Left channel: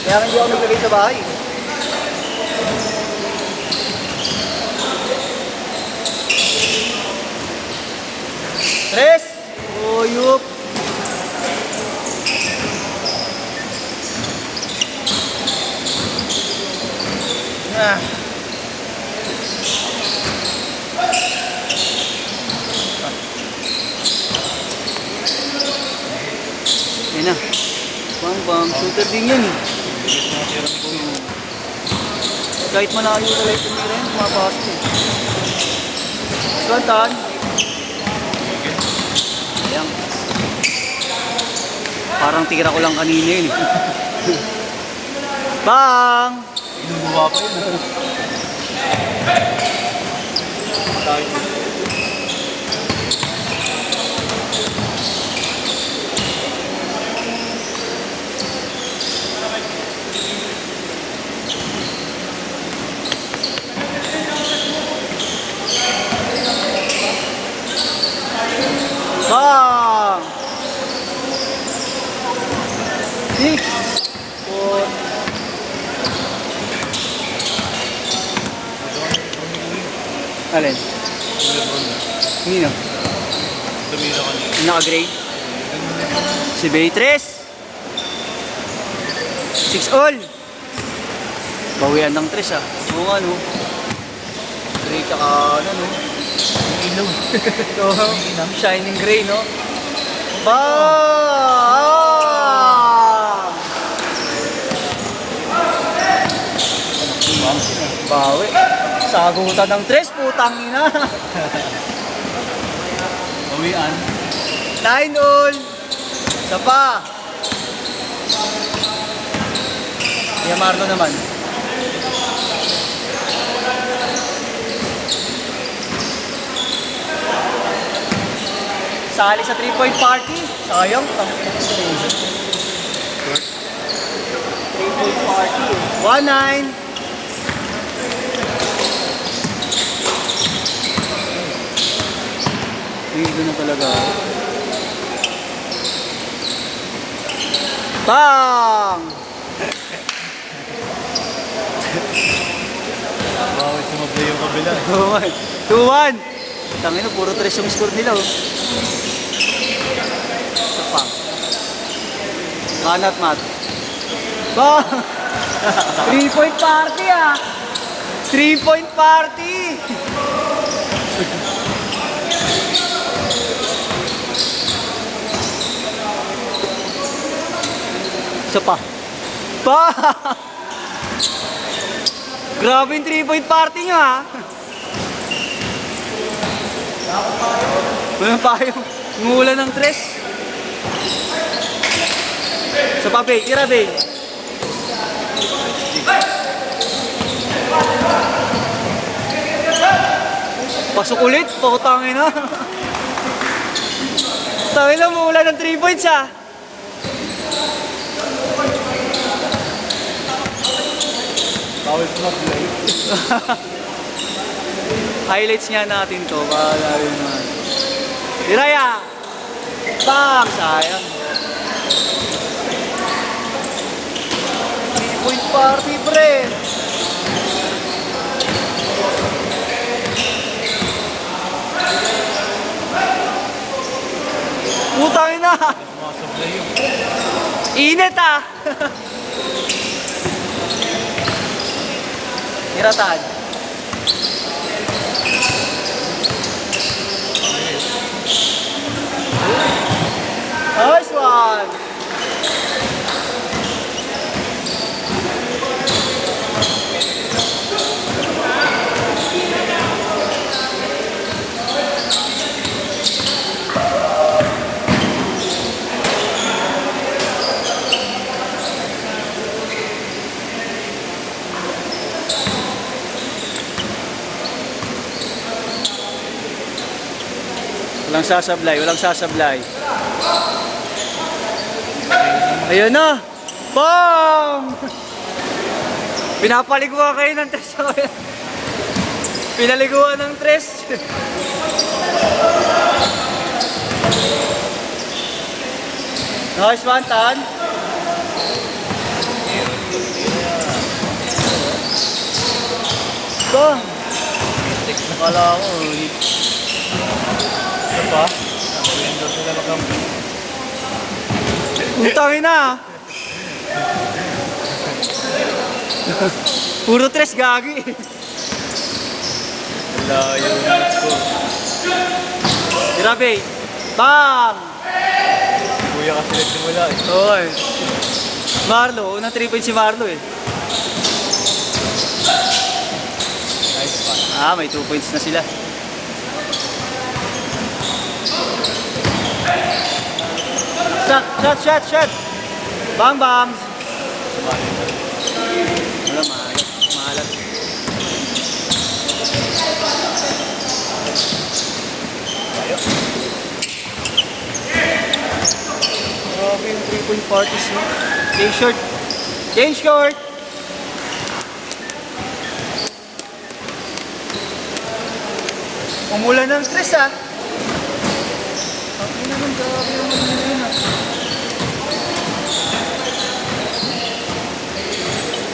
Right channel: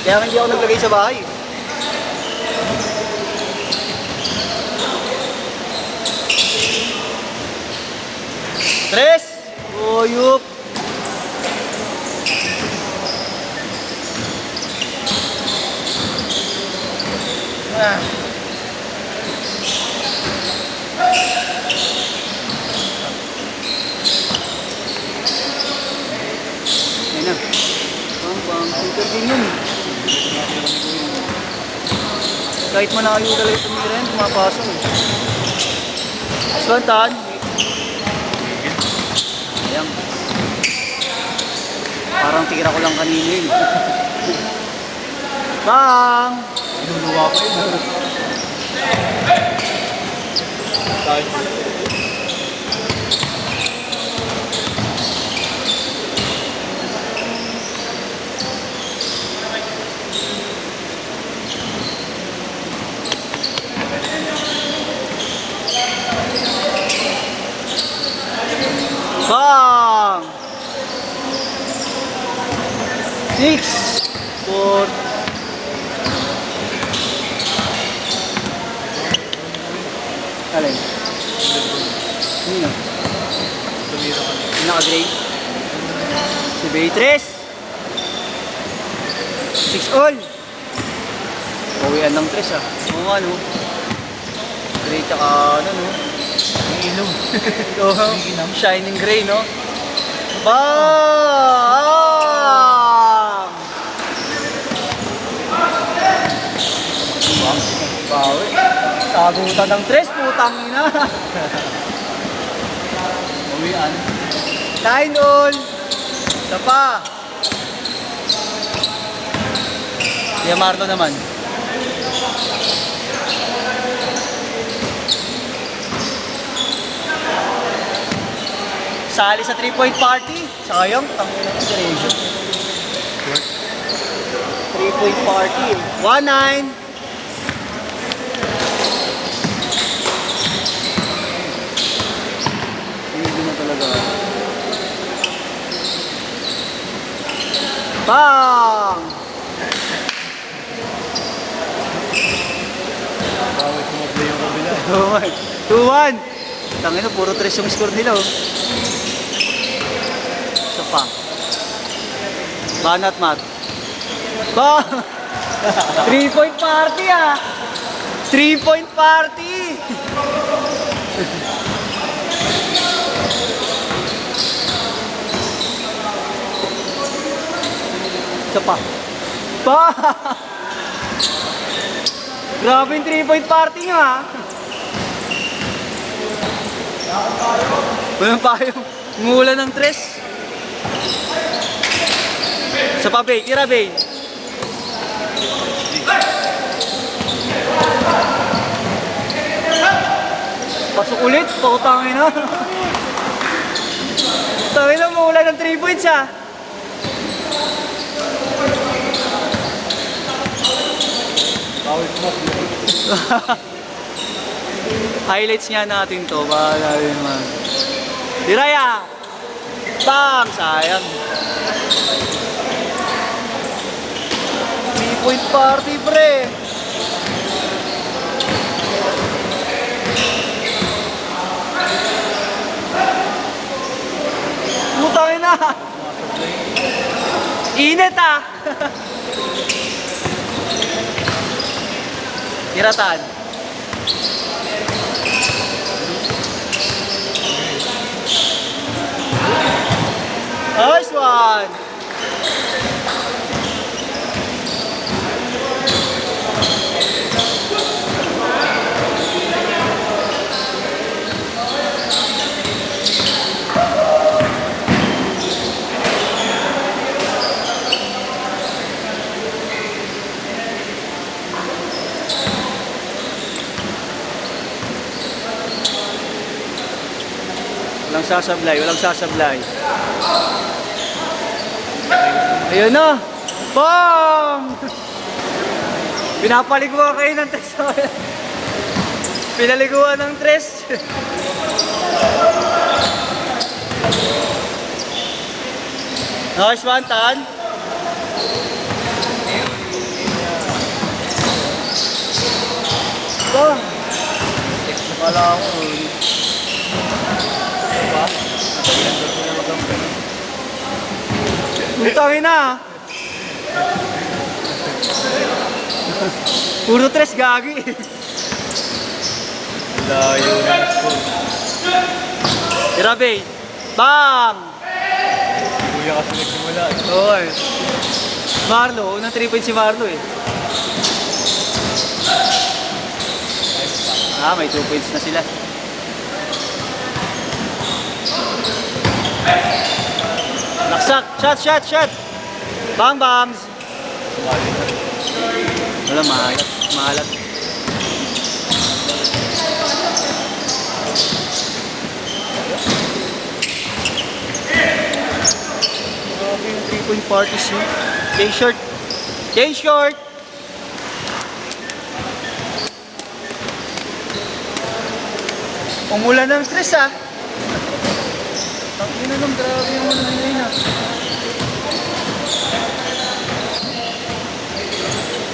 Kaya hindi ako naglagay sa bahay. Tres! Uyup! Ah. Yan na. Bang, shooter din yun. Kahit malayo talaga yung tumira yun, pumapasok eh. Suntan. Ayan. Parang tira ko lang kanina yun. Bang! Inuwa ko yun. Bang! 6 4 Alin? Nino? Naka-grade? Si Beatrice 6 all. Bawian ng tres ah. Oo nga no. Gray tsaka ano no. Ilaw. Ito, shining gray no. Bawi. Sagutan ng tres, putang ina. Bawian. 9 all. Isa pa. Yamarno naman. Sali sa 3-point party. Sayang. 3-point party. 1-9. Hindi na talaga. Bang! Bakit sumabay yung kabila? 2-1. Tangin na, puro 3 yung score nila oh. Ito pa. Banat mat. Bang! 3-point party ah! 3-point party! Isa pa. Bang! Grabe yung 3-point party nga ah. Walang payong. Ngula ng tres. Sa pa, Bay. Tira, Bay. Pasok ulit. Pakatangin na. Tangin lang mula ng 3 points ah. Tawag mo. Highlights nga natin to. Gagawin mo. Diraya! Tam! Sayang. 3-point party, pre! Putang ina! Init ah! Tiratan. Nice one! Walang sasablay, walang sasablay. Ayun na! Bong! Pinapaliguan kayo ng tres. Pinaliguan ng tres. Nice one, Tan. Puro tres gago. Layo na yung score. Grabe. Bam! Kuya kasi nagsimula. Or Marlo, unang 3 points si Marlo eh. Ah, may 2 points na sila. Shot! Bam, bam! Sumali na. Wala, maalat. Grabe yung 3-point parties niya. Change short! Umulan ng stress ah. Ang ina ng grabe yung mga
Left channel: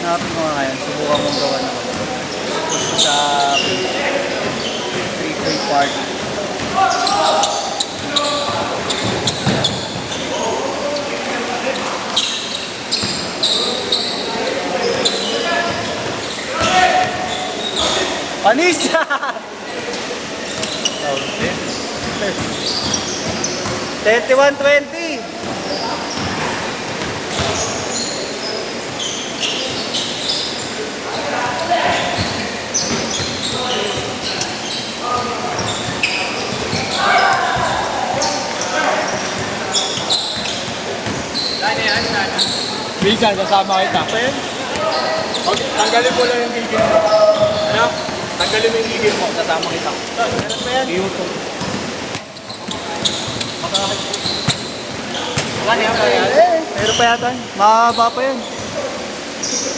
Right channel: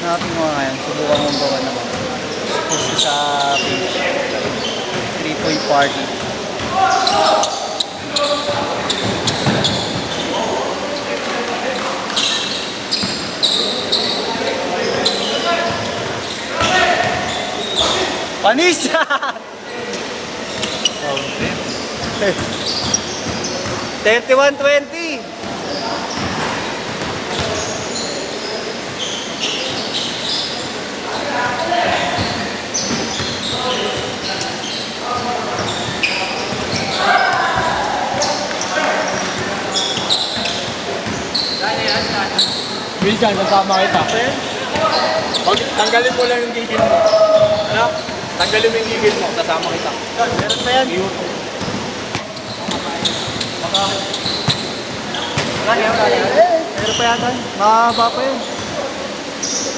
hanapin mo nga yan. Subukan mong gawa naman. Gusto sa 3-point party. Panis! Fountain. 31-20. Minsan, kasama kita. Pag tanggalin mo lang yung gigil mo. Ano? Tanggalin mo yung gigil mo, kasama kita. Meron pa yan? Meron pa yata. Mahaba pa yun.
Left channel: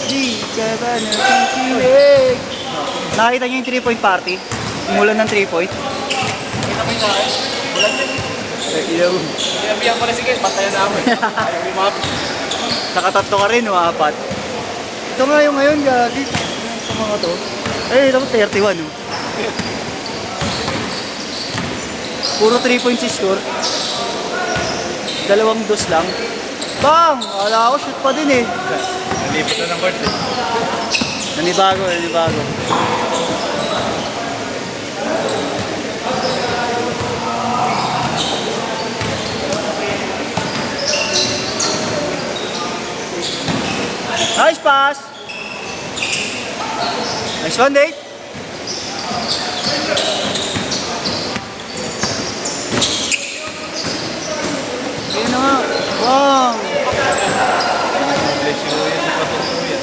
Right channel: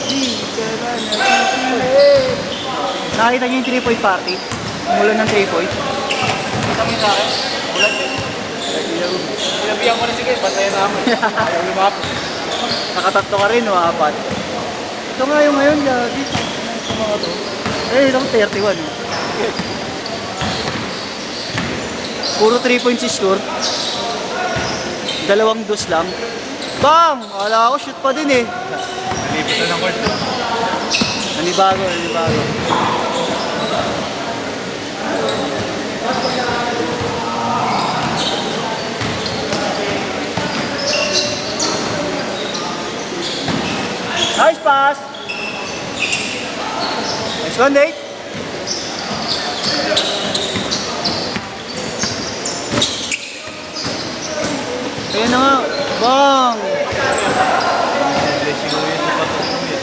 Di ka ba nakikinig? Nakita niyo yung 3-point party? Umulan ng 3-point? Kita mo sa ako. Bulat na. Sinabihan ko na sige, batayan na ako. Ayaw lumapit. Nakatatlo ka rin, mga apat. Ito nga yung ngayon, gagi. Ano to? Eh, ilang 31. Eh. Puro 3 points yung score. 2 dos lang. Bam! Wala ako, shoot pa din eh. Nalipit na ng court. Nanibago. Nice pass! Nice one, Nate! Ayun na nga. Bang! Bless you, kuya. Sa patok, kuya.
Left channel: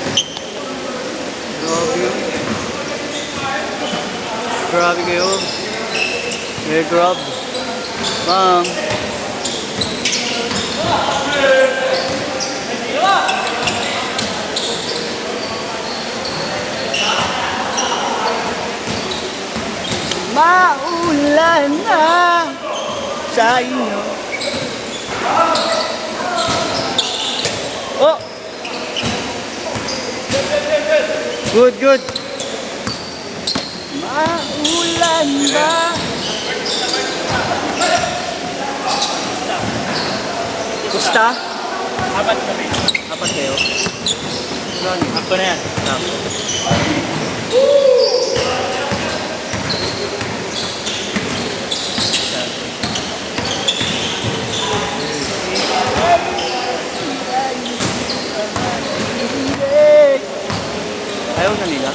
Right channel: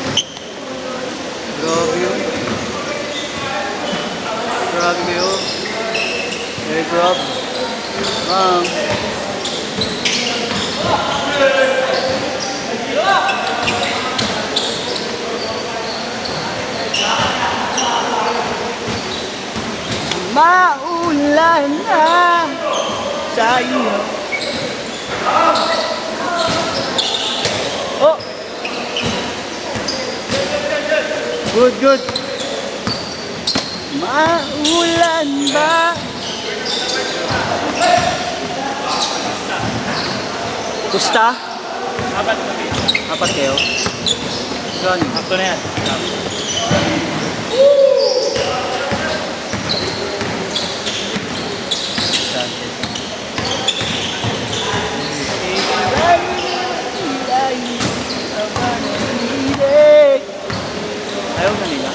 Grabe yun. Grabe kayo. May grab. Maulan na sa iyo. Oh! Good. Maulan ba? Gusta? Apat kami. Apat kayo? Yan. Ito na yan. Ayaw na nila.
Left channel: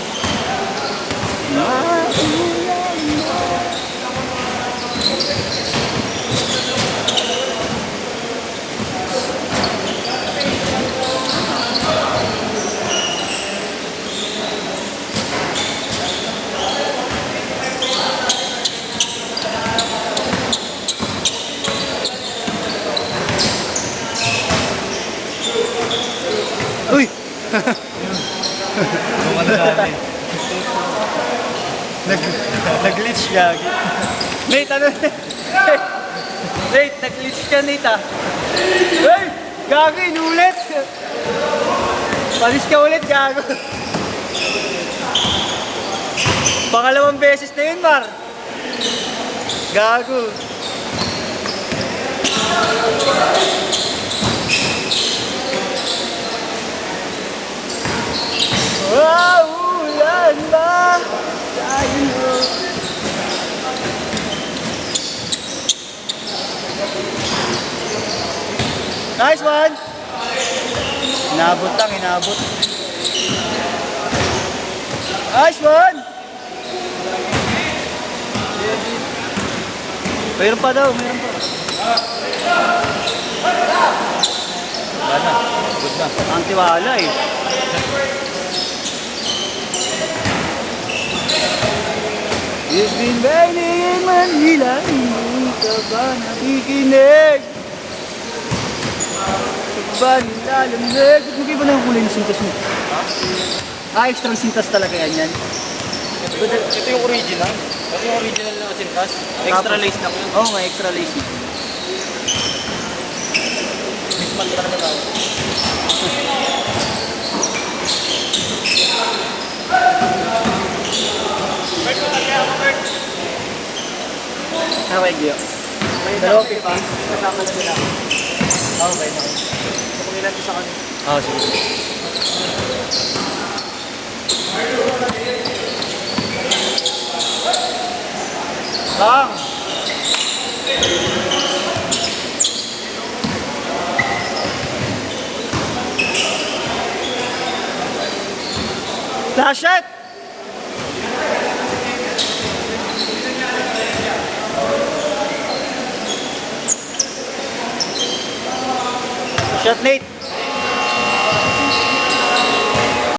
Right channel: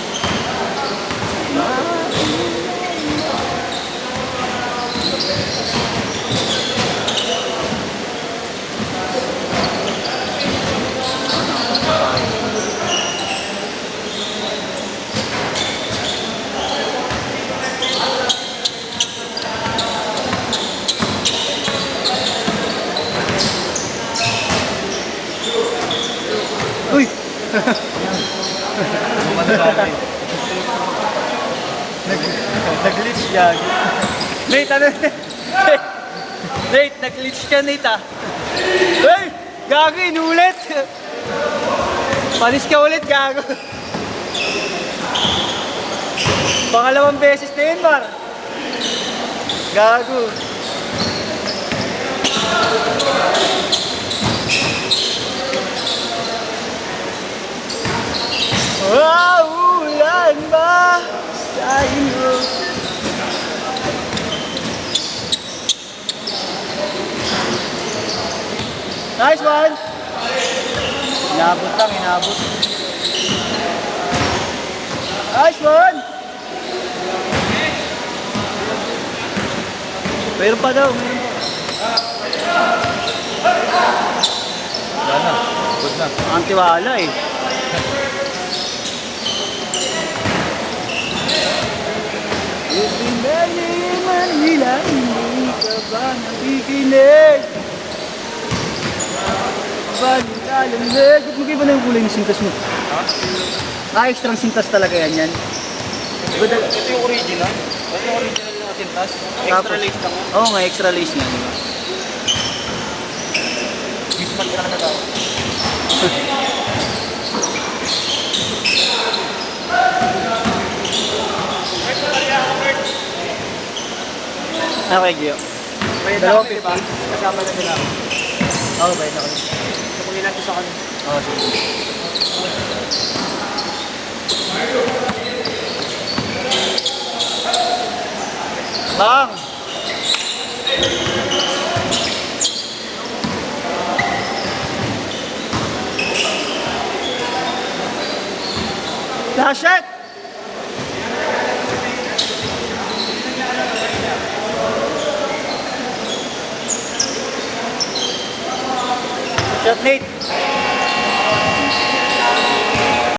Uy! Nag-glitch siya. Nate, ano? Nate, nag-glitch ka, Nate, ah. Uy! Gago, inulit! Panis ka ulit, gago. Pangalawang beses na yun, Mar. Gago. Inabot lang, inabot. Nice one! Mayroon pa daw, mayroon pa. Wala na. Good na. Ang tiwala eh. You've been waiting in Manila, hindi ka ba nakikinig? Ba nilalamig? Ba't magkaiba na yung kulay ng sintas mo? Ha? Extra sintas talaga yan yan. Ito yung original. Ito yung original na sintas. Extra lace lang. Oo nga, extra lace niya. Misman ka naman ako. Okay, Gio. Dalawa pipa. Kasama na sila. Okay, okay. Kapagin natin sa kanila. Sige. Bang! Dash it! Shot Nate!